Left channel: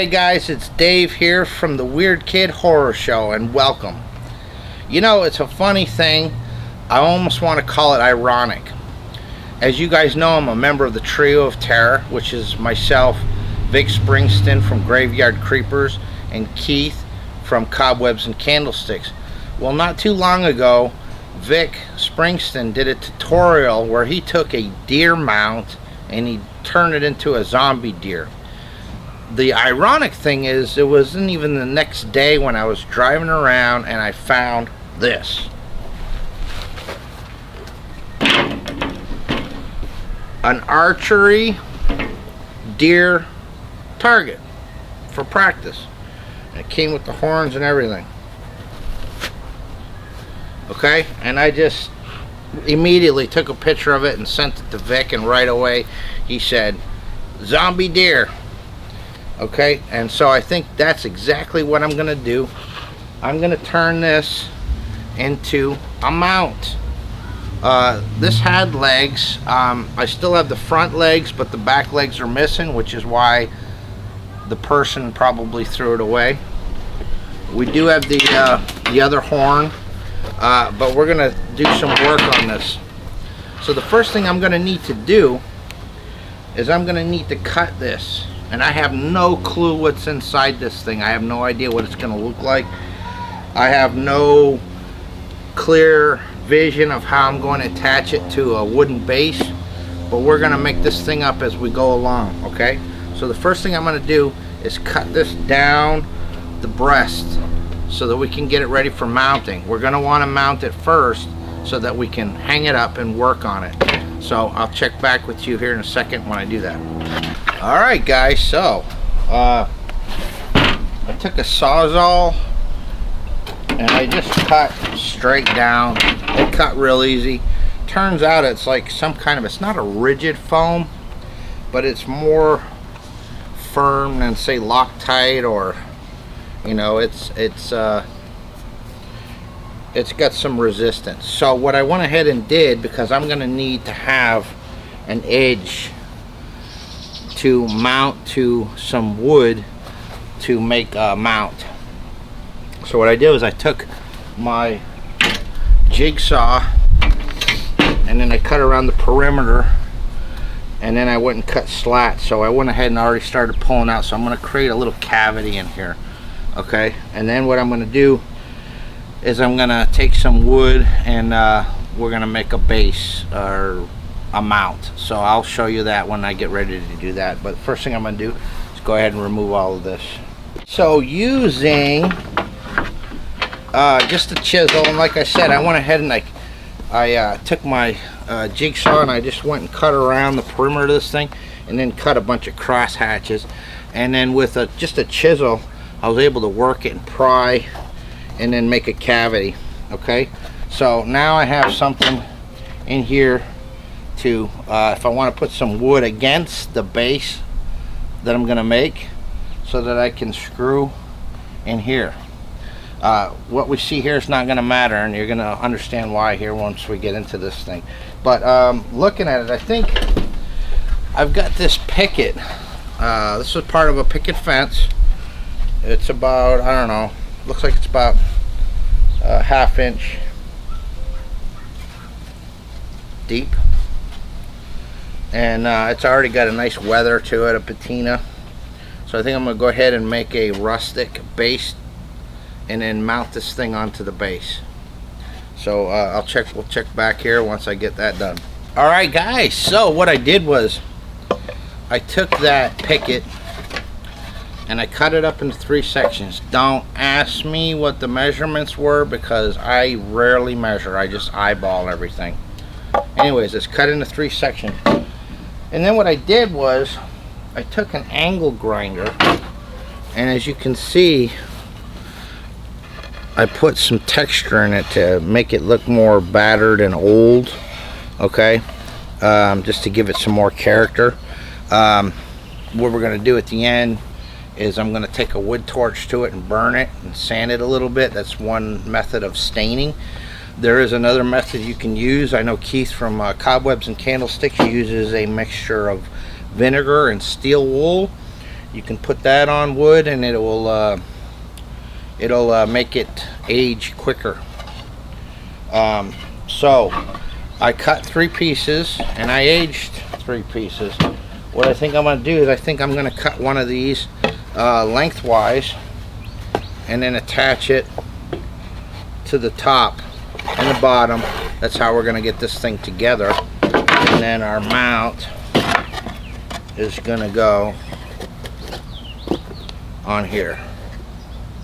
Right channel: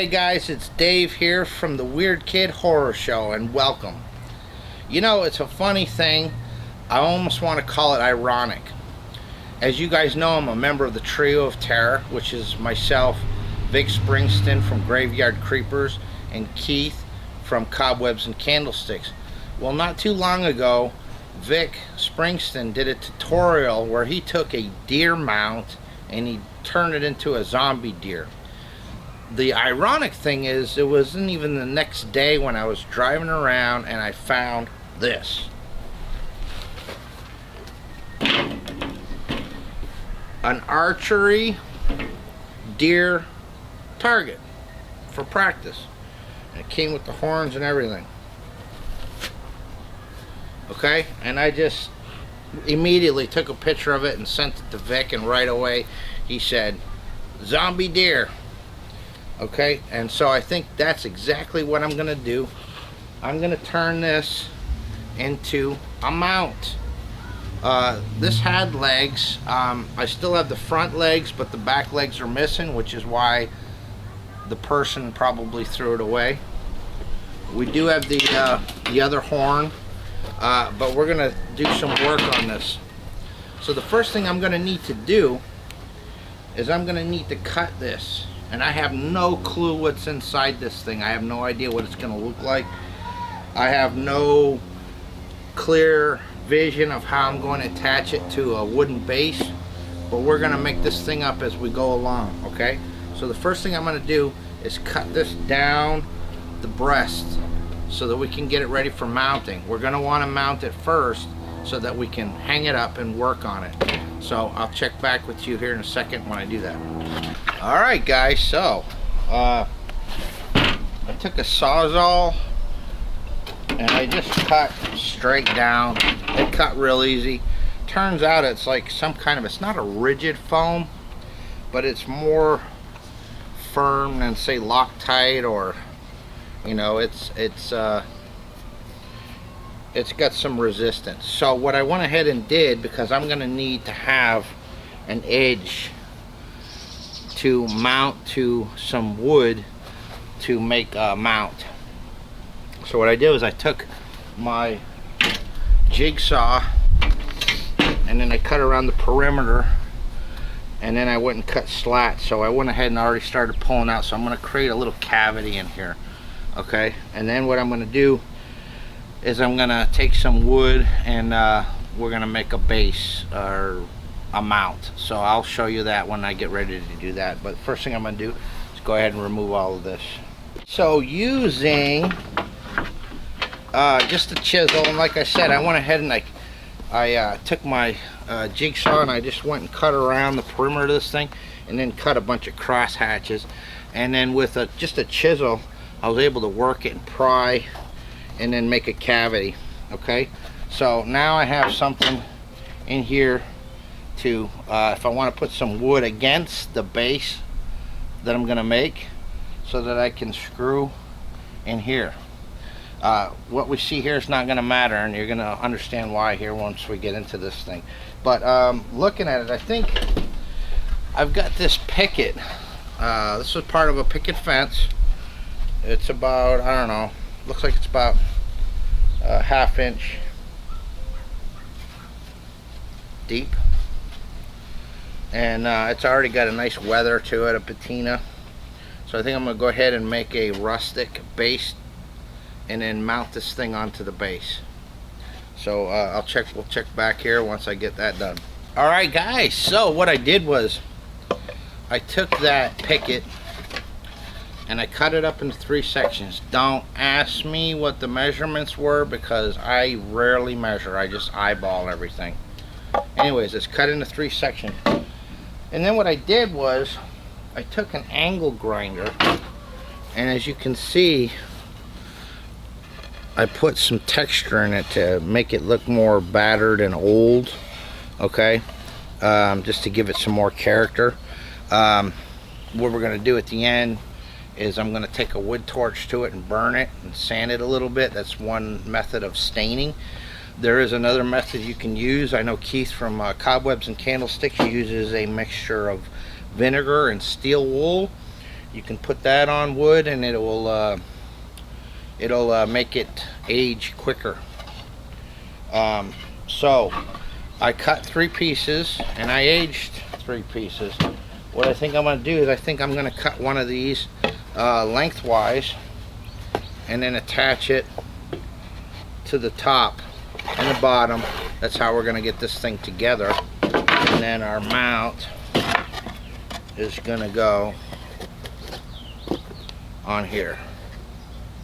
Hey guys, it's Dave here from the Weird Kid Horror Show, and welcome. You know, it's a funny thing. I almost want to call it ironic. As you guys know, I'm a member of the Trio of Terror, which is myself, Vic Springston from Graveyard Creepers, and Keith from Cobwebs and Candlesticks. Well, not too long ago, Vic Springston did a tutorial where he took a deer mount and he turned it into a zombie deer. The ironic thing is, it wasn't even the next day when I was driving around and I found this. An archery deer target for practice. It came with the horns and everything. Okay, and I just immediately took a picture of it and sent it to Vic, and right away he said, "Zombie deer." Okay, and so I think that's exactly what I'm gonna do. I'm gonna turn this into a mount. This had legs. I still have the front legs, but the back legs are missing, which is why the person probably threw it away. We do have the other horn, but we're gonna do some work on this. So the first thing I'm gonna need to do is I'm gonna need to cut this. And I have no clue what's inside this thing. I have no idea what it's going to look like. I have no clear vision of how I'm going to attach it to a wooden base. But we're going to make this thing up as we go along, okay? So the first thing I'm going to do is cut this down the breast so that we can get it ready for mounting. We're going to want to mount it first so that we can hang it up and work on it. So I'll check back with you here in a second when I do that. Alright guys, so I took a Sawzall and I just cut straight down. It cut real easy. Turns out it's like some kind of, it's not a rigid foam, but it's more firm than say Loctite, or you know, it's got some resistance. So what I went ahead and did, because I'm going to need to have an edge to mount to some wood to make a mount. So what I did was I took my jigsaw and then I cut around the perimeter, and then I went and cut slats. So I went ahead and already started pulling out. So I'm going to create a little cavity in here, okay? And then what I'm going to do is I'm going to take some wood and we're going to make a base or a mount. So I'll show you that when I get ready to do that. But first thing I'm going to do is go ahead and remove all of this. So using just a chisel, and like I said, I went ahead and I took my jigsaw and I just went and cut around the perimeter of this thing, and then cut a bunch of cross hatches, and then with just a chisel I was able to work it and pry and then make a cavity. Okay, so now I have something in here to if I want to put some wood against the base that I'm going to make, so that I can screw in here. What we see here is not going to matter, and you're going to understand why here once we get into this thing. But looking at it, I think I've got this picket. This is part of a picket fence. It's about, I don't know, looks like it's about a ½ inch deep, and it's already got a nice weather to it, a patina. So I think I'm going to go ahead and make a rustic base and then mount this thing onto the base. So we'll check back here once I get that done. Alright guys, so what I did was I took that picket and I cut it up into 3 sections. Don't ask me what the measurements were, because I rarely measure. I just eyeball everything. Anyways, it's cut into 3 sections. And then what I did was I took an angle grinder, and as you can see, I put some texture in it to make it look more battered and old. Okay, just to give it some more character. What we're going to do at the end is I'm going to take a wood torch to it and burn it and sand it a little bit. That's one method of staining. There is another method you can use. I know Keith from Cobwebs and Candlesticks uses a mixture of vinegar and steel wool, You can put that on wood and it'll make it age quicker. So I cut 3 pieces and I aged 3 pieces. What I think I'm going to do is I think I'm going to cut one of these lengthwise and then attach it to the top and the bottom. That's how we're going to get this thing together. And then our mount is going to go on here.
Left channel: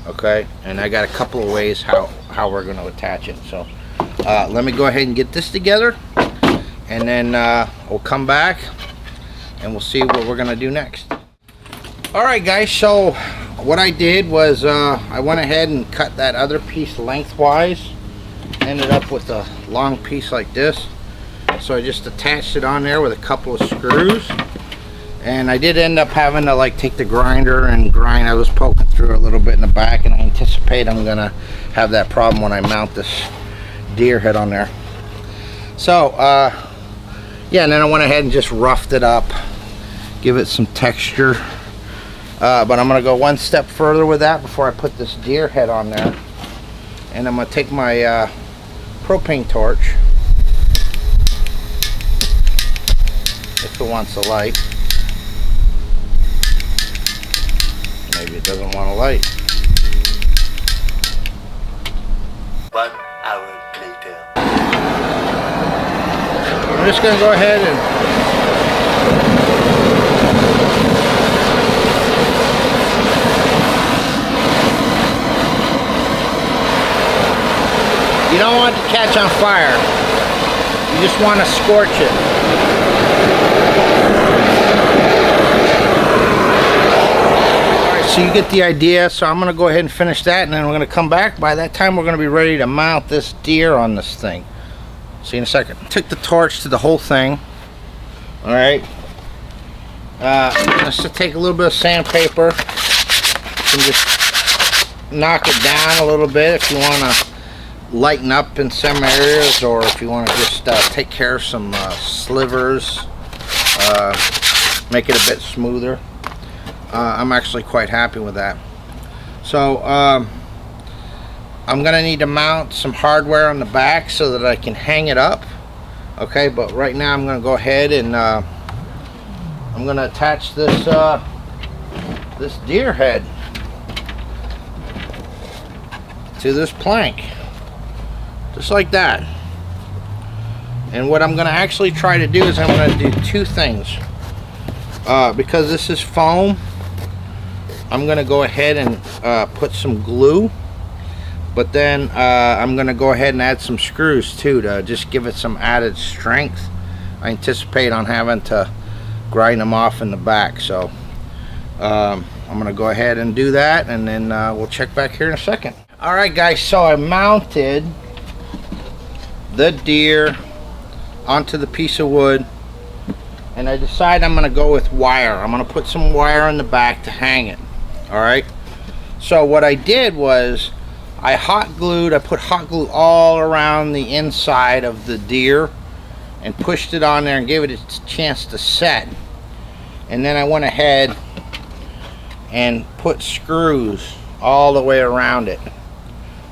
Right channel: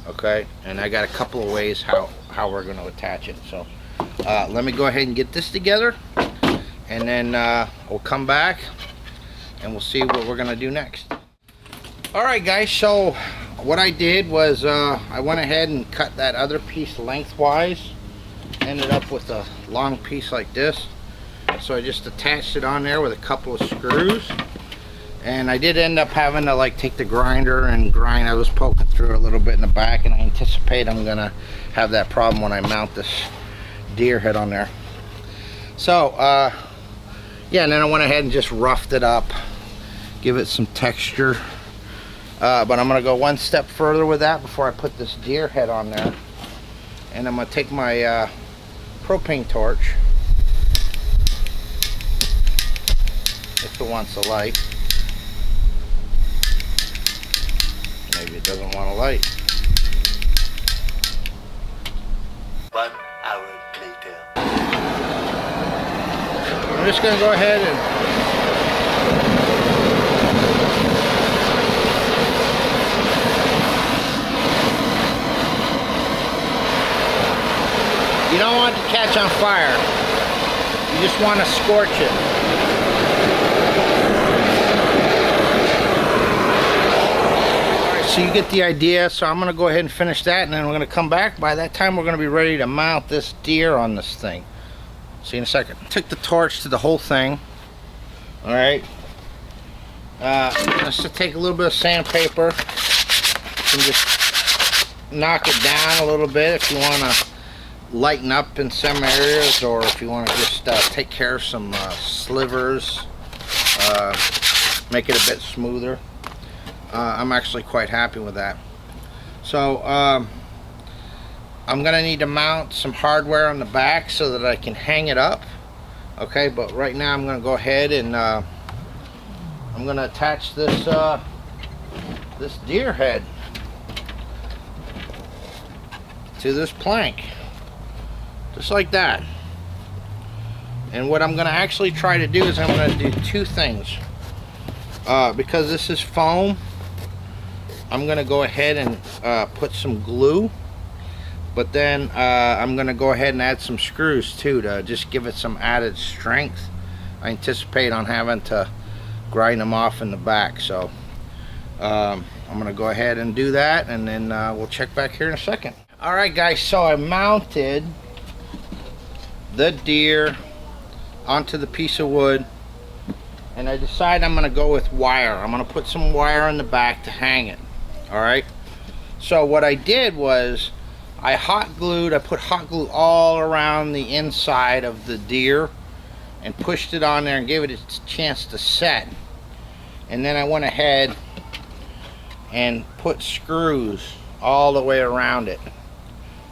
Okay, and I got a couple of ways how we're going to attach it. So let me go ahead and get this together, and then we'll come back and we'll see what we're going to do next. Alright guys, so what I did was I went ahead and cut that other piece lengthwise. Ended up with a long piece like this. So I just attached it on there with a couple of screws. And I did end up having to like take the grinder and grind. I was poking through a little bit in the back, and I anticipate I'm gonna have that problem when I mount this deer head on there. So yeah, and then I went ahead and just roughed it up, give it some texture. But I'm gonna go one step further with that before I put this deer head on there. And I'm gonna take my propane torch, if it wants a light. Maybe it doesn't want a light. 1 hour later. I'm just gonna go ahead and you don't want it to catch on fire. You just want to scorch it. Alright, so you get the idea. So I'm going to go ahead and finish that, and then we're going to come back. By that time, we're going to be ready to mount this deer on this thing. See you in a second. Took the torch to the whole thing. Alright. Let's just take a little bit of sandpaper and just knock it down a little bit if you want to lighten up in some areas, or if you want to just take care of some slivers, make it a bit smoother. I'm actually quite happy with that. So I'm gonna need to mount some hardware on the back so that I can hang it up. Okay, but right now I'm gonna go ahead and I'm gonna attach this this deer head to this plank, just like that. And what I'm going to actually try to do is I'm going to do 2 things. Because this is foam, I'm going to go ahead and put some glue, but then I'm going to go ahead and add some screws too to just give it some added strength. I anticipate on having to grind them off in the back, so I'm going to go ahead and do that, and then we'll check back here in a second. Alright guys, so I mounted the deer onto the piece of wood, and I decided I'm going to go with wire. I'm going to put some wire in the back to hang it. Alright, so what I did was I put hot glue all around the inside of the deer and pushed it on there and gave it a chance to set. And then I went ahead and put screws all the way around it.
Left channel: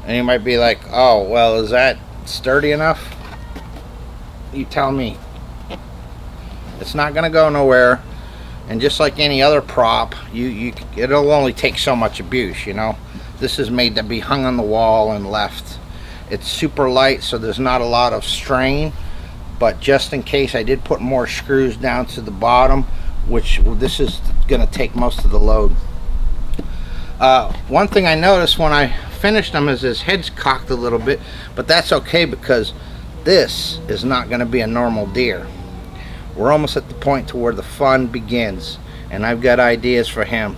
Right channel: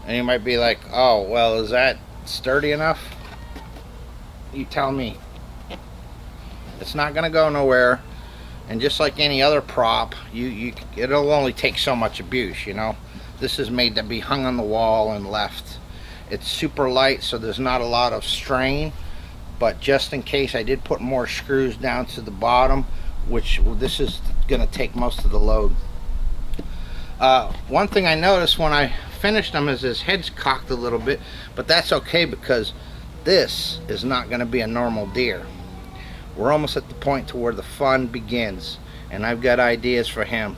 And you might be like, oh, well, is that sturdy enough? You tell me. It's not going to go nowhere. And just like any other prop, it'll only take so much abuse, you know. This is made to be hung on the wall and left. It's super light, so there's not a lot of strain. But just in case, I did put more screws down to the bottom, which this is going to take most of the load. One thing I noticed when I finished them is his head's cocked a little bit, but that's okay because this is not going to be a normal deer. We're almost at the point to where the fun begins, and I've got ideas for him.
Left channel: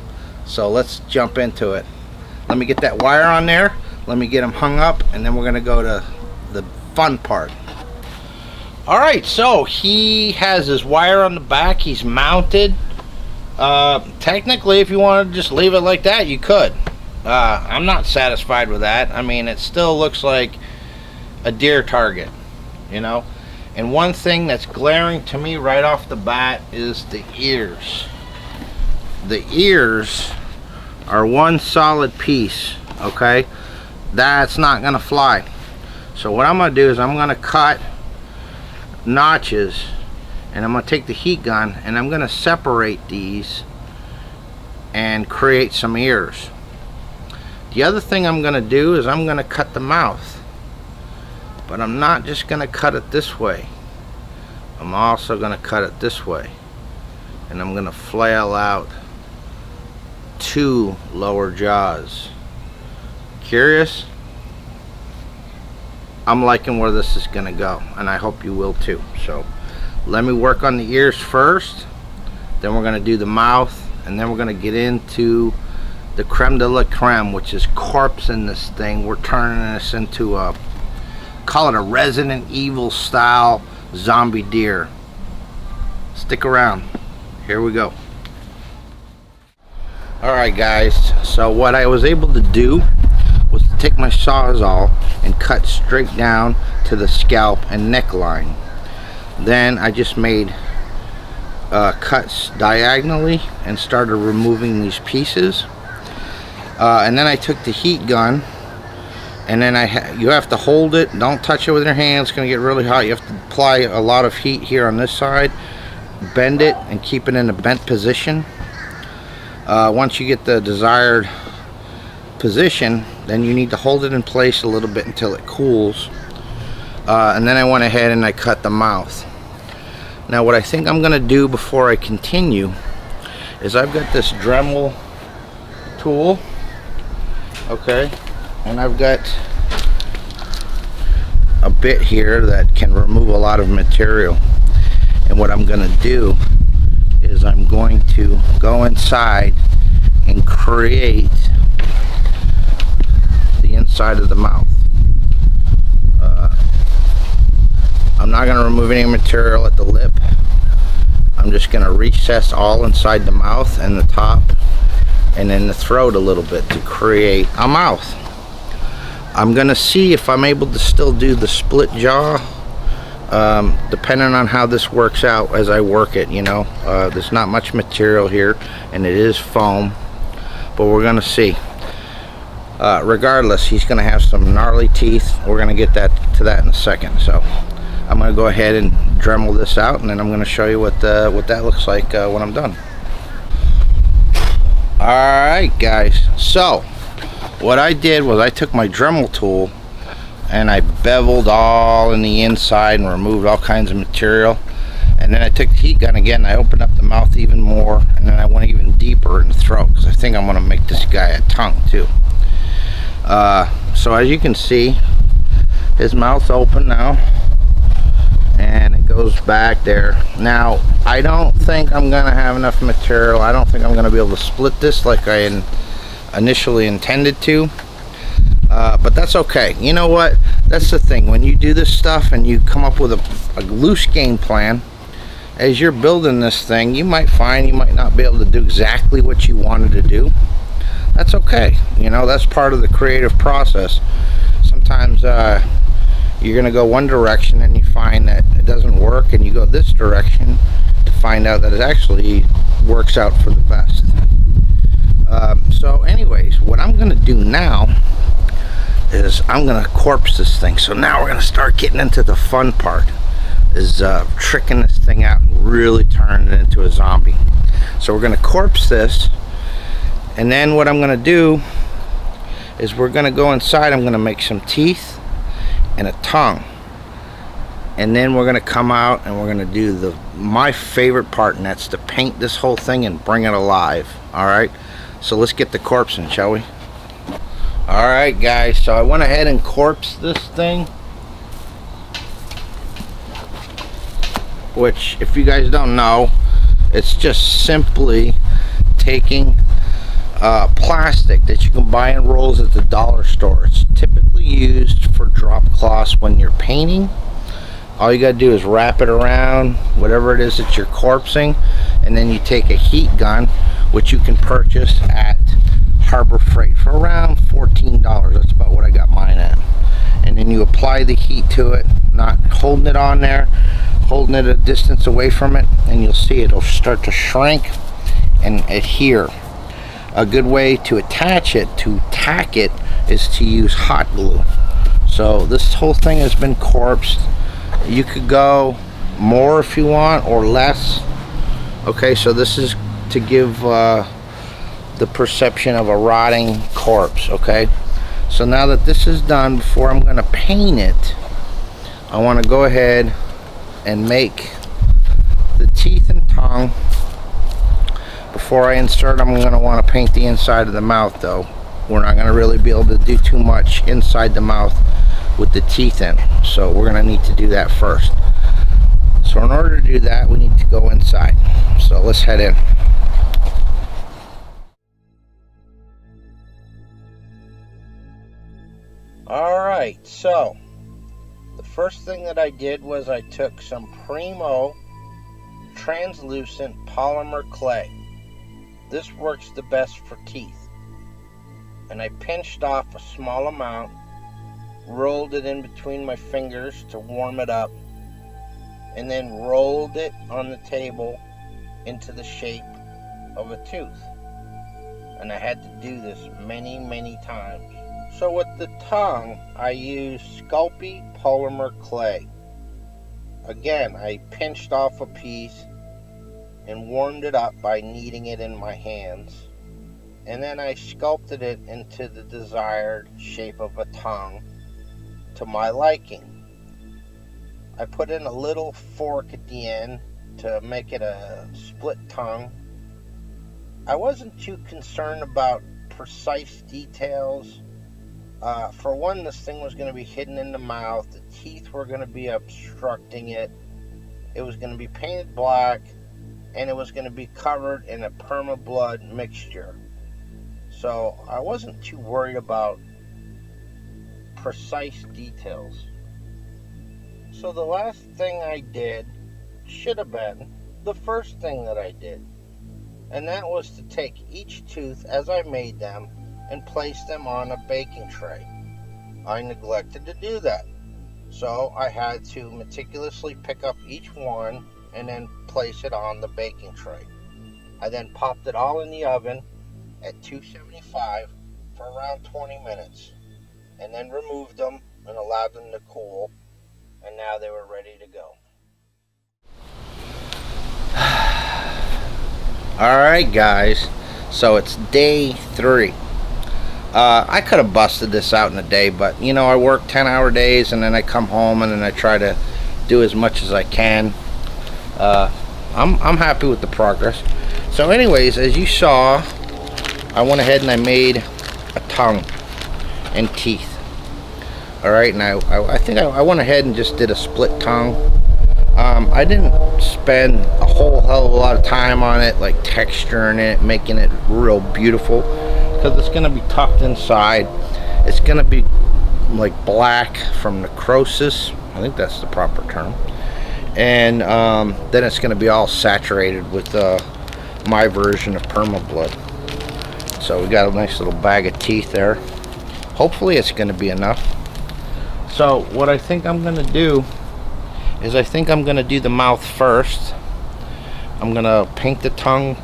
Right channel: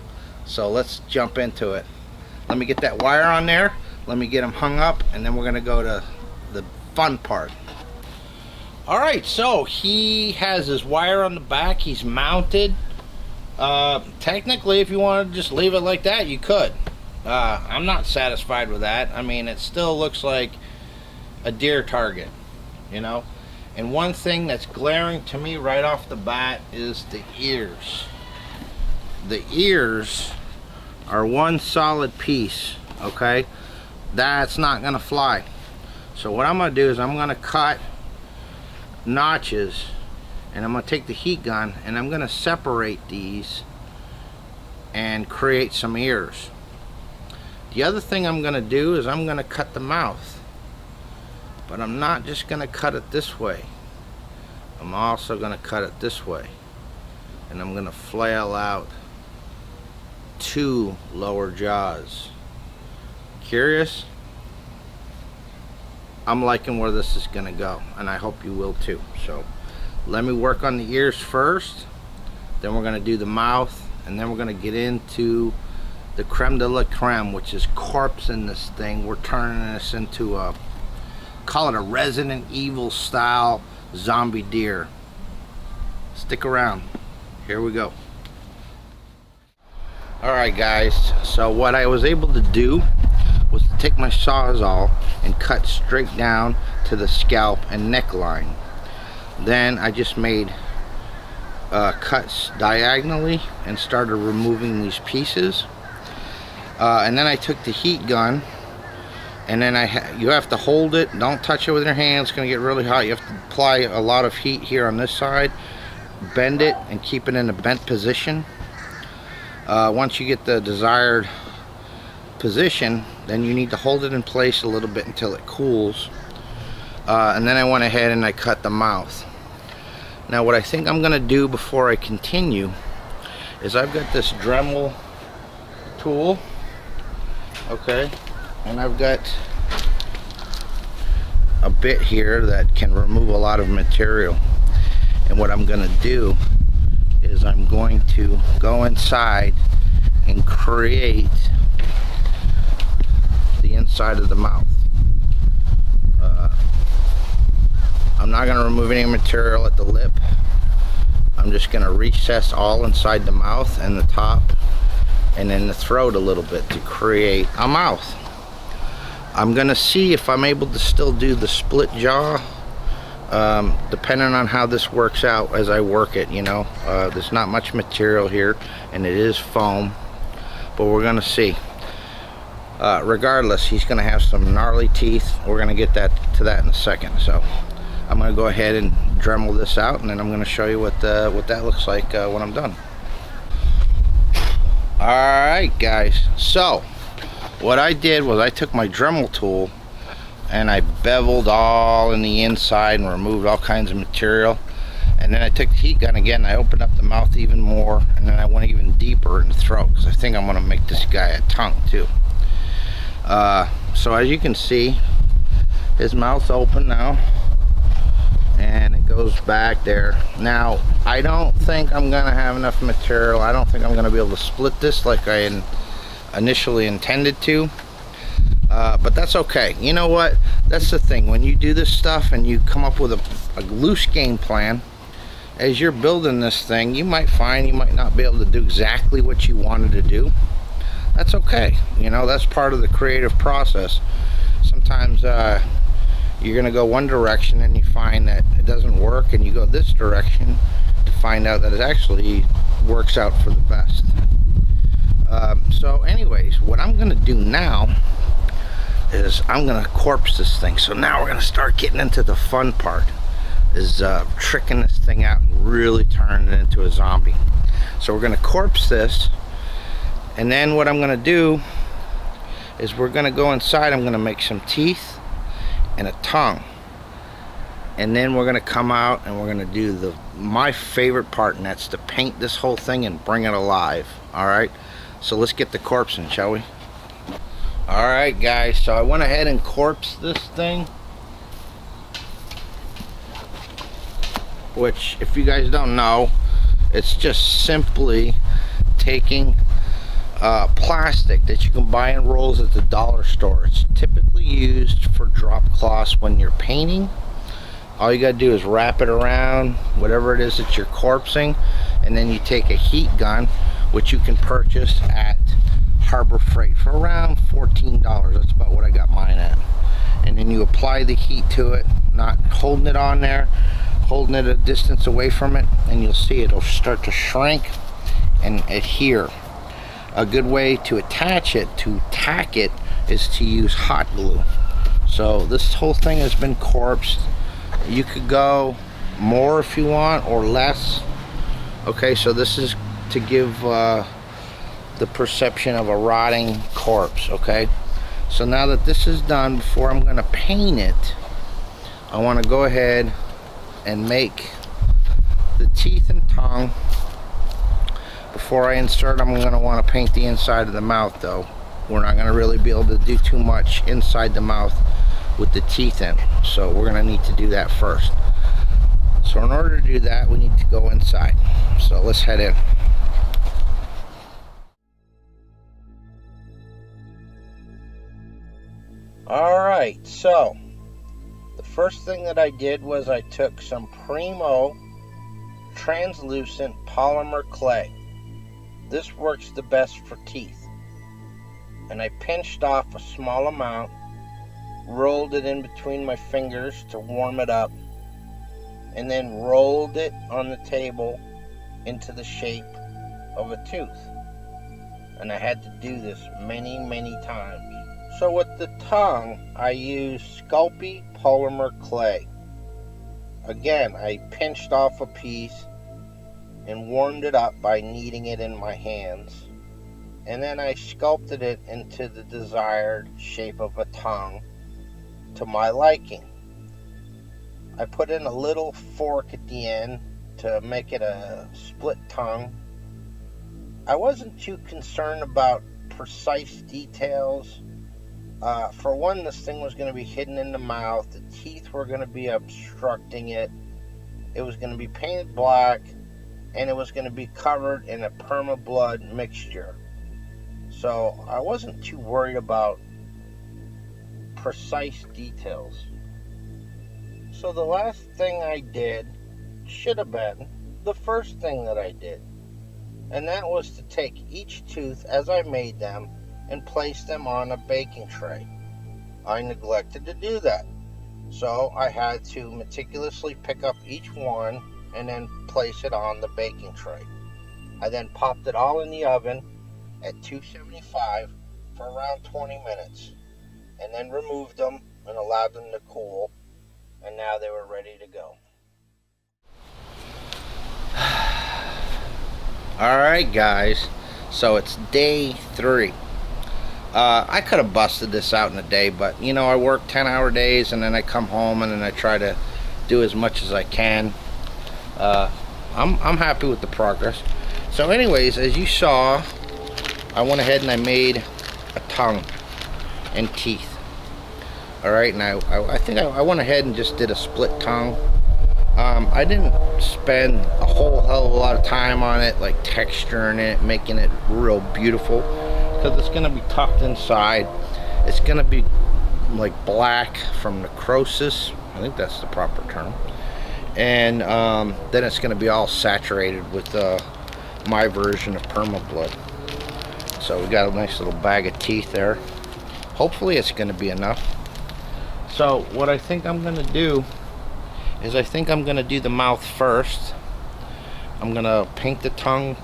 So let's jump into it. Let me get that wire on there, let me get him hung up, and then we're going to go to the fun part. Alright, so he has his wire on the back, he's mounted. Technically, if you wanted to just leave it like that, you could. I'm not satisfied with that. I mean, it still looks like a deer target, you know. And one thing that's glaring to me right off the bat is the ears. the ears are one solid piece, okay? That's not gonna fly. So what I'm gonna do is I'm gonna cut notches, and I'm gonna take the heat gun and I'm gonna separate these and create some ears. The other thing I'm gonna do is I'm gonna cut the mouth, but I'm not just gonna cut it this way. I'm also gonna cut it this way, and I'm gonna flail out 2 lower jaws. Curious? I'm liking where this is gonna go, and I hope you will too. So let me work on the ears first, then we're gonna do the mouth, and then we're gonna get into the creme de la creme, which is corpsing this thing. We're turning this into a, call it a Resident Evil style zombie deer. Stick around, here we go. Alright guys, so what I was able to do was to take my Sawzall and cut straight down to the scalp and neckline. Then I just made cuts diagonally and started removing these pieces. And then I took the heat gun, and then you have to hold it, don't touch it with your hands, it's going to get really hot. You have to apply a lot of heat here on this side, bend it and keep it in a bent position. Once you get the desired position, then you need to hold it in place a little bit until it cools. And then I went ahead and I cut the mouth. Now what I think I'm going to do before I continue is I've got this Dremel tool, okay, and I've got a bit here that can remove a lot of material. And what I'm going to do is I'm going to go inside and create the inside of the mouth. I'm not going to remove any material at the lip. I'm just going to recess all inside the mouth and the top and then the throat a little bit to create a mouth. I'm going to see if I'm able to still do the split jaw, depending on how this works out as I work it, you know. There's not much material here and it is foam, but we're going to see. Regardless, he's going to have some gnarly teeth. We're going to get to that in a second. So I'm going to go ahead and Dremel this out, and then I'm going to show you what that looks like when I'm done. Alright guys, so what I did was I took my Dremel tool and I beveled all in the inside and removed all kinds of material, and then I took the heat gun again and I opened up the mouth even more, and then I went even deeper in the throat because I think I'm going to make this guy a tongue too. So as you can see, his mouth's open now and it goes back there. Now I don't think I'm gonna have enough material. I don't think I'm gonna be able to split this like I initially intended to, but that's okay. You know what, that's the thing, when you do this stuff and you come up with a loose game plan, as you're building this thing, you might find you might not be able to do exactly what you wanted to do. That's okay, you know, that's part of the creative process. Sometimes you're going to go one direction and you find that it doesn't work, and you go this direction to find out that it actually works out for the best. So anyways, what I'm going to do now is I'm going to corpse this thing. So now we're going to start getting into the fun part, is tricking this thing out and really turning it into a zombie. So we're going to corpse this, and then what I'm going to do is we're going to go inside. I'm going to make some teeth and a tongue, and then we're going to come out and we're going to do my favorite part, and that's to paint this whole thing and bring it alive. Alright, so let's get the corpsing, shall we? Alright guys, so I went ahead and corpsed this thing, which, if you guys don't know, it's just simply taking plastic that you can buy in rolls at the dollar store. It's typically used for drop cloths when you're painting. All you gotta do is wrap it around whatever it is that you're corpsing, and then you take a heat gun, which you can purchase at Harbor Freight for around $14. That's about what I got mine at. And then you apply the heat to it, not holding it on there, holding it a distance away from it, and you'll see it'll start to shrink and adhere. A good way to attach it, to tack it, is to use hot glue. So this whole thing has been corpsed. You could go more if you want, or less. Okay, so this is to give the perception of a rotting corpse. Okay, so now that this is done, before I'm going to paint it, I want to go ahead and make the teeth and tongue. Before I insert, I'm going to want to paint the inside of the mouth, though. We're not going to really be able to do too much inside the mouth with the teeth in, so we're going to need to do that first. So in order to do that, we need to go inside. So let's head in. Alright, so the first thing that I did was I took some Primo translucent polymer clay. This works the best for teeth. And I pinched off a small amount, rolled it in between my fingers to warm it up, and then rolled it on the table into the shape of a tooth. And I had to do this many times. So with the tongue, I used Sculpting polymer clay. Again, I pinched off a piece and warmed it up by kneading it in my hands. And then I sculpted it into the desired shape of a tongue to my liking. I put in a little fork at the end to make it a split tongue. I wasn't too concerned about precise details. For one, this thing was going to be hidden in the mouth. The teeth were going to be obstructing it. It was going to be painted black, and it was going to be covered in a perma-blood mixture. So I wasn't too worried about precise details. So the last thing I did should have been the first thing that I did. And that was to take each tooth as I made them and place them on a baking tray. I neglected to do that. So I had to meticulously pick up each one and then place it on the baking tray. I then popped it all in the oven at 275 for around 20 minutes, and then removed them and allowed them to cool, and now they were ready to go. Alright guys, so it's day 3. I could have busted this out in a day, but you know, I work 10-hour days, and then I come home and then I try to do as much as I can. I'm happy with the progress. So anyways, as you saw, I went ahead and I made a tongue and teeth. Alright, now I think I went ahead and just did a split tongue. I didn't spend a whole hell of a lot of time on it, like texturing it, making it real beautiful, because it's going to be tucked inside. It's going to be like black from necrosis. I think that's the proper term. And then it's going to be all saturated with my version of perma-blood. So we got a nice little bag of teeth there. Hopefully it's going to be enough. So what I think I'm going to do is I think I'm going to do the mouth first. I'm going to paint the tongue,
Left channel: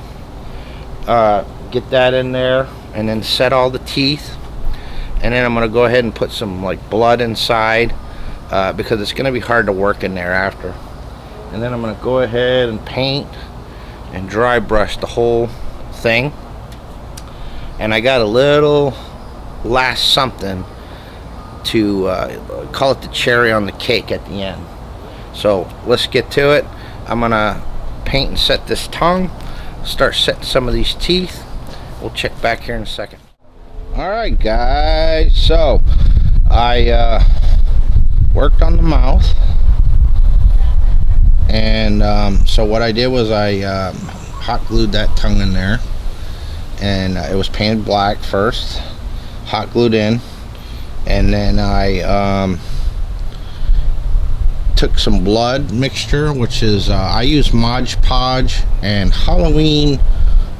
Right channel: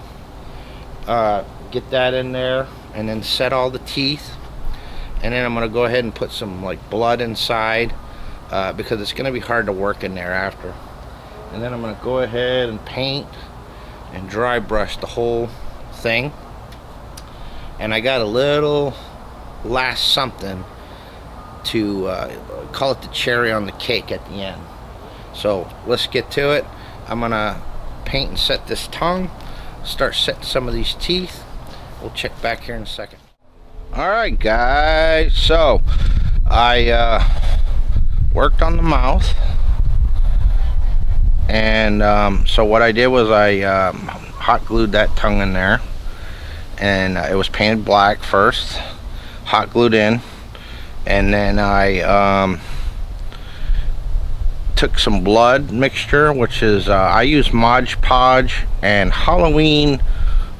get that in there, and then set all the teeth. And then I'm going to go ahead and put some like blood inside, because it's going to be hard to work in there after. And then I'm going to go ahead and paint and dry brush the whole thing. And I got a little last something to call it the cherry on the cake at the end. So let's get to it. I'm gonna paint and set this tongue, start setting some of these teeth. We'll check back here in a second. Alright guys, so I worked on the mouth, and so what I did was I hot glued that tongue in there, and it was painted black first, hot glued in, and then I took some blood mixture, which is I use Mod Podge and Halloween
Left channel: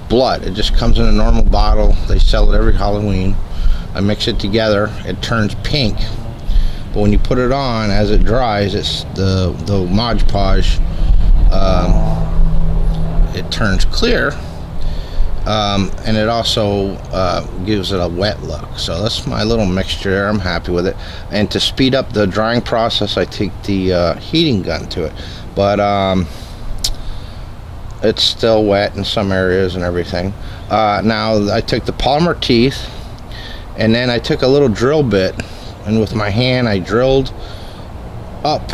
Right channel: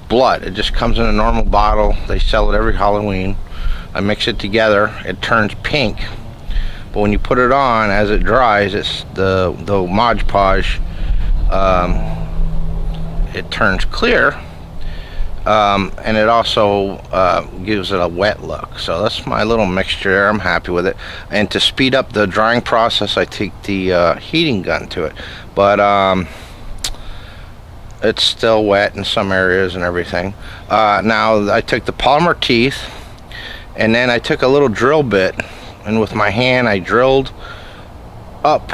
blood. It just comes in a normal bottle. They sell it every Halloween. I mix it together. It turns pink, but when you put it on, as it dries, it's the Mod Podge, it turns clear. and it also gives it a wet look. So that's my little mixture there. I'm happy with it. And to speed up the drying process, I take the heating gun to it, but it's still wet in some areas and everything. Now I took the polymer teeth, and then I took a little drill bit, and with my hand I drilled up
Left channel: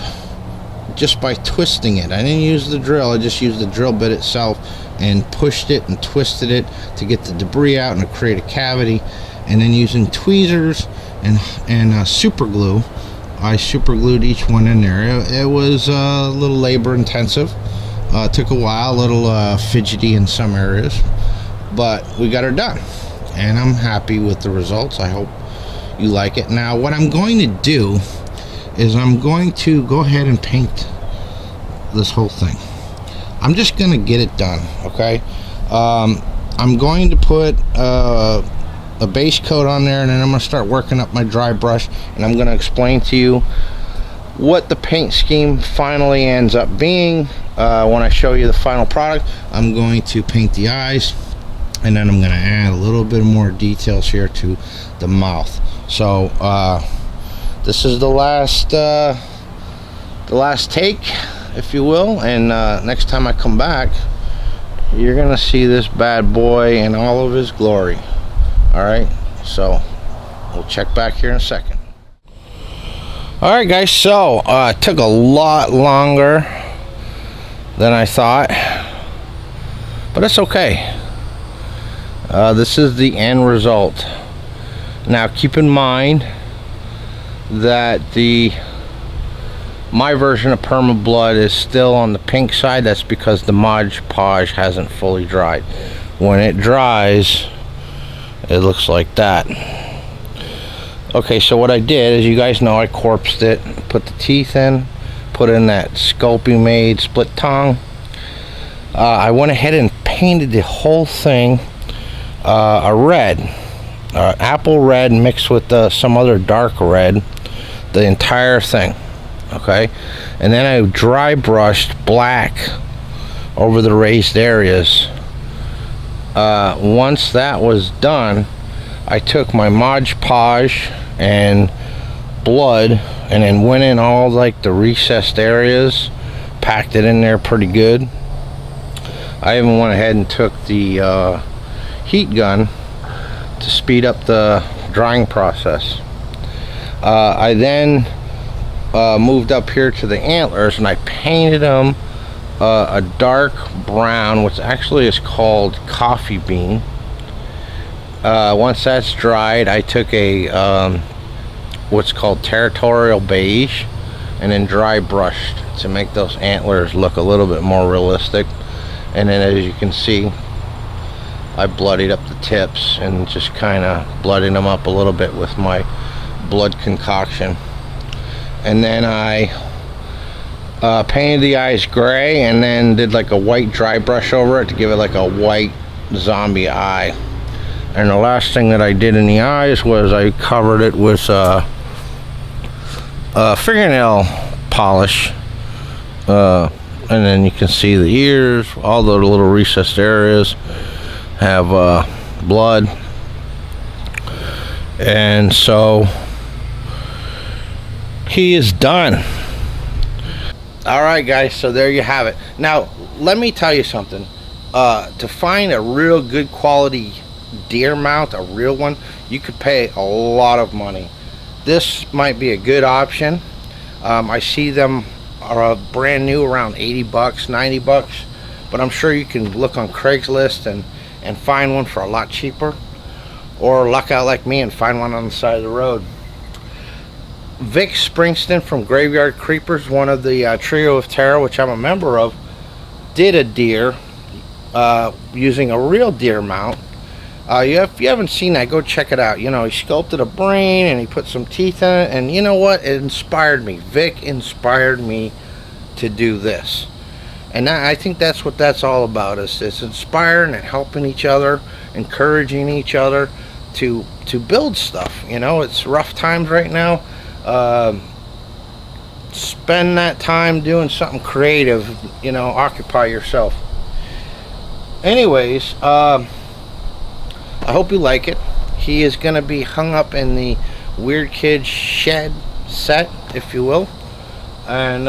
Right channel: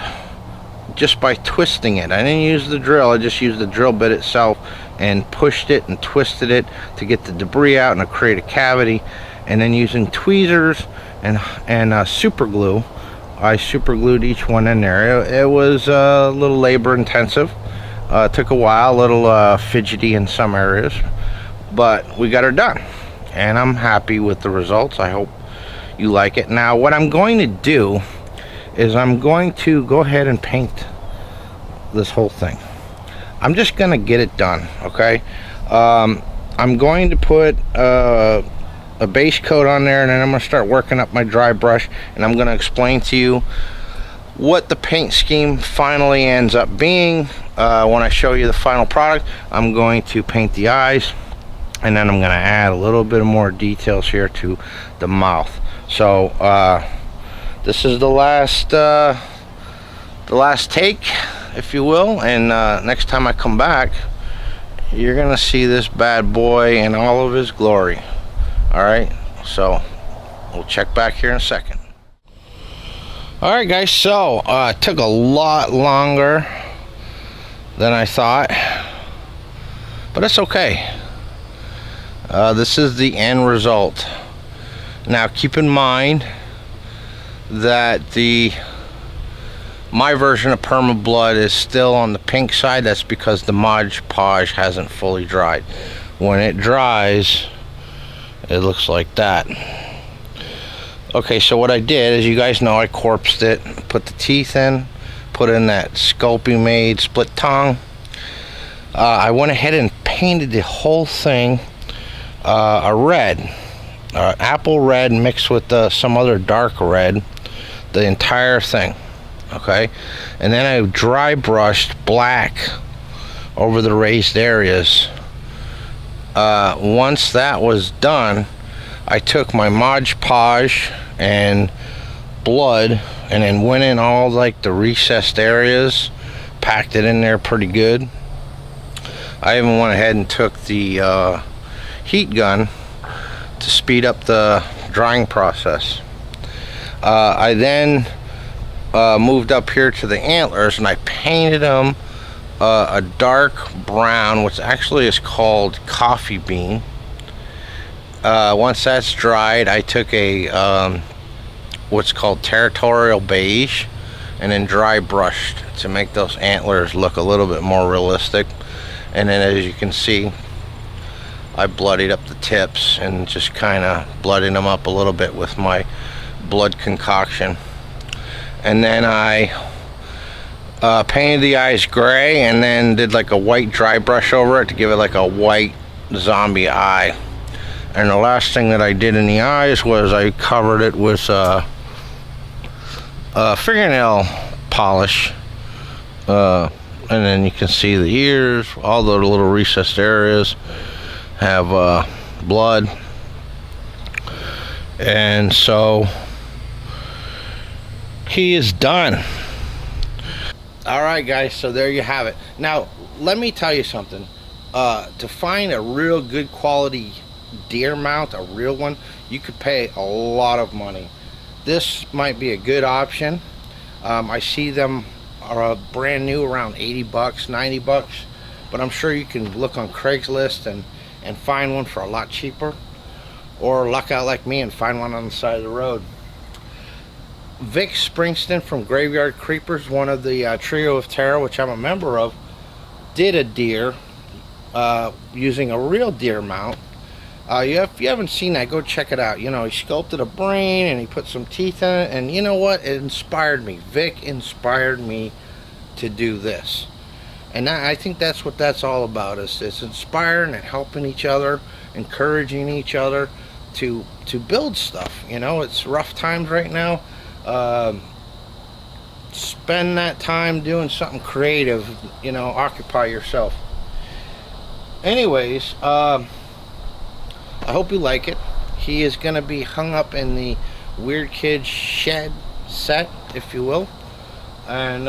just by twisting it. I didn't use the drill, I just used the drill bit itself and pushed it and twisted it to get the debris out and to create a cavity. And then using tweezers and super glue, I super glued each one in there. It was a little labor intensive. It took a while, a little fidgety in some areas, but we got her done, and I'm happy with the results. I hope you like it. Now what I'm going to do is I'm going to go ahead and paint this whole thing. I'm just gonna get it done, okay? I'm going to put a base coat on there, and then I'm gonna start working up my dry brush, and I'm gonna explain to you what the paint scheme finally ends up being. When I show you the final product, I'm going to paint the eyes, and then I'm gonna add a little bit more details here to the mouth. So this is the last take, if you will, and next time I come back, you're gonna see this bad boy in all of his glory. All right, so we'll check back here in a second. All right, guys, so it took a lot longer than I thought, but it's okay. This is the end result. Now keep in mind that my version of Perma Blood is still on the pink side. That's because the Mod Podge hasn't fully dried. When it dries, it looks like that. Okay, so what I did, as you guys know, I corpsed it, put the teeth in, put in that Sculpting made split tongue. I went ahead and painted the whole thing a red, apple red mixed with some other dark red, the entire thing. Okay, and then I dry brushed black over the raised areas. Once that was done, I took my Mod Podge and blood and then went in all like the recessed areas, packed it in there pretty good. I even went ahead and took the heat gun to speed up the drying process. I then moved up here to the antlers, and I painted them a dark brown, which actually is called coffee bean. Once that's dried, I took a what's called territorial beige, and then dry brushed to make those antlers look a little bit more realistic. And then, as you can see, I bloodied up the tips and just kind of bloodied them up a little bit with my blood concoction. And then I painted the eyes gray, and then did like a white dry brush over it to give it like a white zombie eye. And the last thing that I did in the eyes was I covered it with fingernail polish, and then you can see the ears, all the little recessed areas have blood. And so he is done. All right, guys, so there you have it. Now let me tell you something. To find a real good quality deer mount, a real one, you could pay a lot of money. This might be a good option. I see them are brand new around 80 bucks, 90 bucks, but I'm sure you can look on Craigslist and find one for a lot cheaper, or luck out like me and find one on the side of the road. Vic Springston from Graveyard Creepers, one of the Trio of Terror, which I'm a member of, did a deer using a real deer mount. If you haven't seen that, go check it out. You know, he sculpted a brain and he put some teeth in it, and you know what? It inspired me. Vic inspired me to do this. And I think that's what that's all about. It's inspiring and helping each other, encouraging each other to build stuff. You know, it's rough times right now. Spend that time doing something creative. You know, occupy yourself. Anyways, I hope you like it. He is going to be hung up in the Weird Kid shed set, if you will. And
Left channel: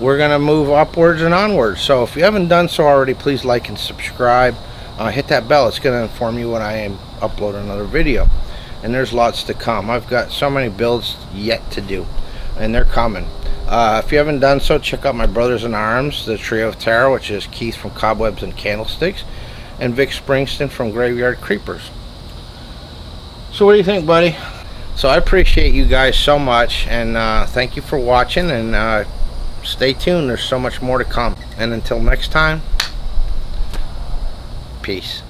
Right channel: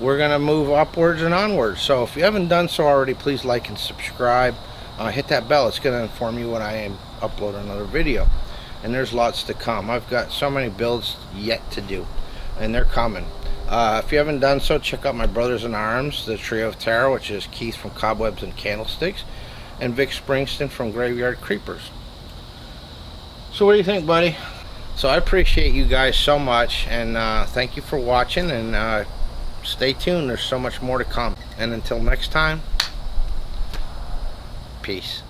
we're going to move upwards and onwards. So if you haven't done so already, please like and subscribe. Hit that bell. It's going to inform you when I am uploading another video. And there's lots to come. I've got so many builds yet to do, and they're coming. If you haven't done so, check out my Brothers in Arms, the Trio of Terror, which is Keith from Cobwebs and Candlesticks, and Vic Springston from Graveyard Creepers. So what do you think, buddy? So I appreciate you guys so much, and thank you for watching, and stay tuned. There's so much more to come. And until next time, peace.